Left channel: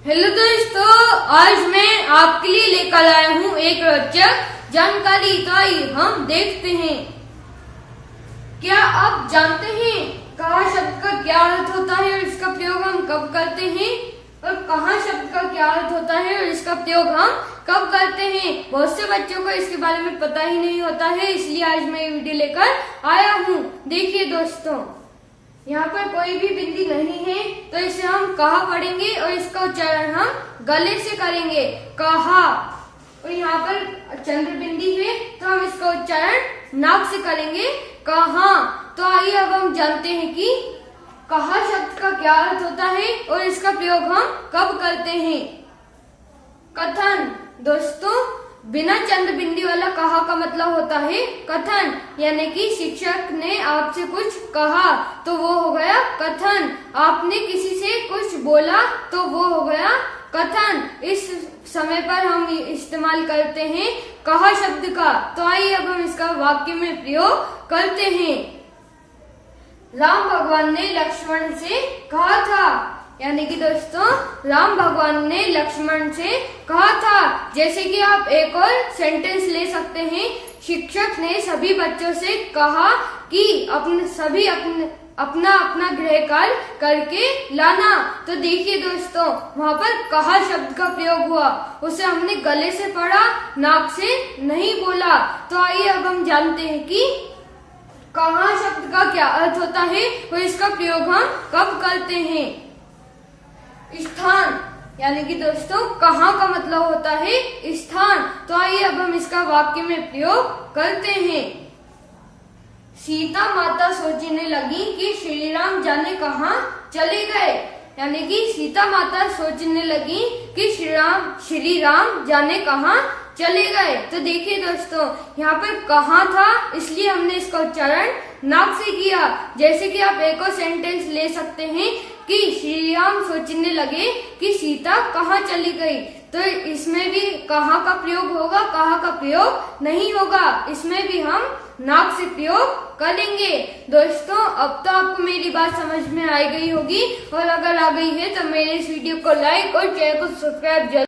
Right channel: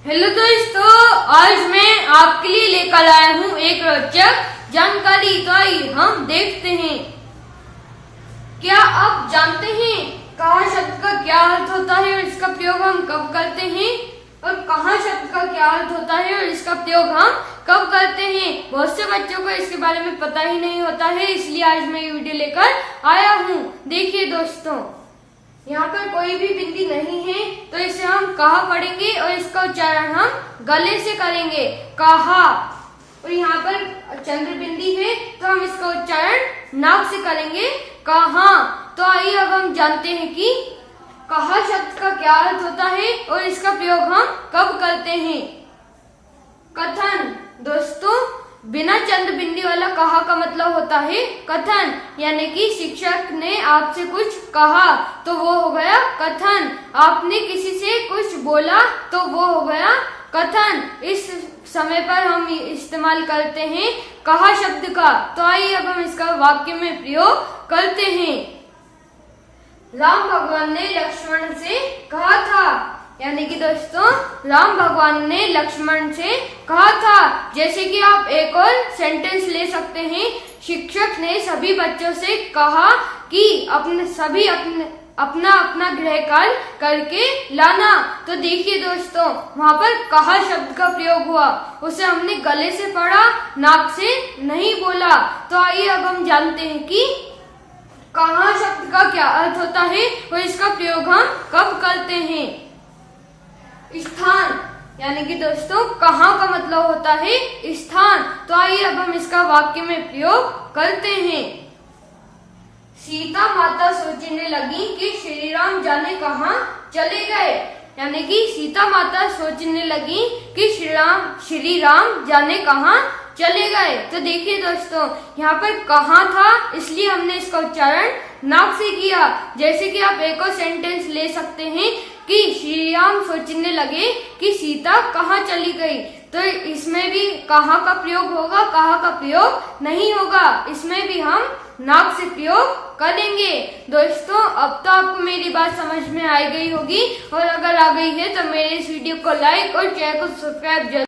Hello दोस्तों, आज मैं आपके लिए लेकर आया हूँ एक रोचक जानकारी। तो आइए हम देखते हैं। क्या आप जानते हैं कहाँ शब्द का क्या अर्थ होता है और इसका प्रयोग हम कब करते हैं, और कहाँ शब्द का क्या अर्थ होता है और इसका प्रयोग हम कब करते हैं। बहुत से बच्चों को इसके बारे में पता ही नहीं होता है, इसलिए आज मैं ये वीडियो लेकर आया हूँ। देखिए दोस्तों, यहाँ पर कोई भी बिंदी नहीं है, तो इसे हम कहा पढ़ेंगे और इसका उच्चारण हम गले से करेंगे, कहा। और यहाँ पर चंद्र बिंदी है, तो हम इसका उच्चारण नाक से करेंगे, कहा। तो आइए अब हम जानते हैं कि कहा शब्द का क्या अर्थ होता है और इसका प्रयोग हम कब करते हैं। कथन। दोस्तों, बिना चंद्र बिंदी वाला कहा का मतलब होता है कथन, यानी कि शिक्षक ने आपसे कुछ कहा तो वो हो गया कथन। आपने किसी से कुछ बोला तो वो हो गया कथन। इस समय पर हम इस्तेमाल करते हैं कहा शब्द का। तो आइए अब हम इसका वाक्य में प्रयोग करते हैं। राम भगवान ने लक्ष्मण से कहा था, यानी कि दोस्तों राम भगवान ने लक्ष्मण से कहा था। जैसे कि आप एक और सेंटेंस ले सकते हैं। शिक्षक ने सभी बच्चों से कहा कि अपना अपना गृह कार्य करके लाना। तो देखिए दोस्तों, वहाँ पर कहा शब्द का प्रयोग हुआ, उसे हमने गले से पढ़ा, नाक से नहीं बोला। तो आइए अब हम जानते हैं कि कहा शब्द का क्या अर्थ होता है और इसका प्रयोग हम कब करते हैं। स्थान, यानी कि दोस्तों कहाँ का मतलब होता है स्थान। तो आइए अब हम इसका वाक्य में प्रयोग करते हैं। सीता माता सोचने लगी कि श्री राम जाने कहाँ चले गए, यानी कि सीता माता सोचने लगी कि श्री राम जाने कहाँ चले गए। तो देखिए दोस्तों, यहाँ पर कहाँ था, इसलिए हमने इसका उच्चारण नाक से किया। जैसे कि आप एक और सेंटेंस ले सकते हैं कि श्री राम सोचने लगे कि सीता कहाँ चली गई। तो इसमें भी कहाँ का प्रयोग होगा, कहाँ का प्रयोग नहीं होगा। इसमें भी हम नाक से प्रयोग करेंगे। दोस्तों, अब तो आपको मेरी बात समझ में आ गई होगी, और अगर आ गई है तो मेरे इस वीडियो को लाइक और चैनल को सब्सक्राइब जरूर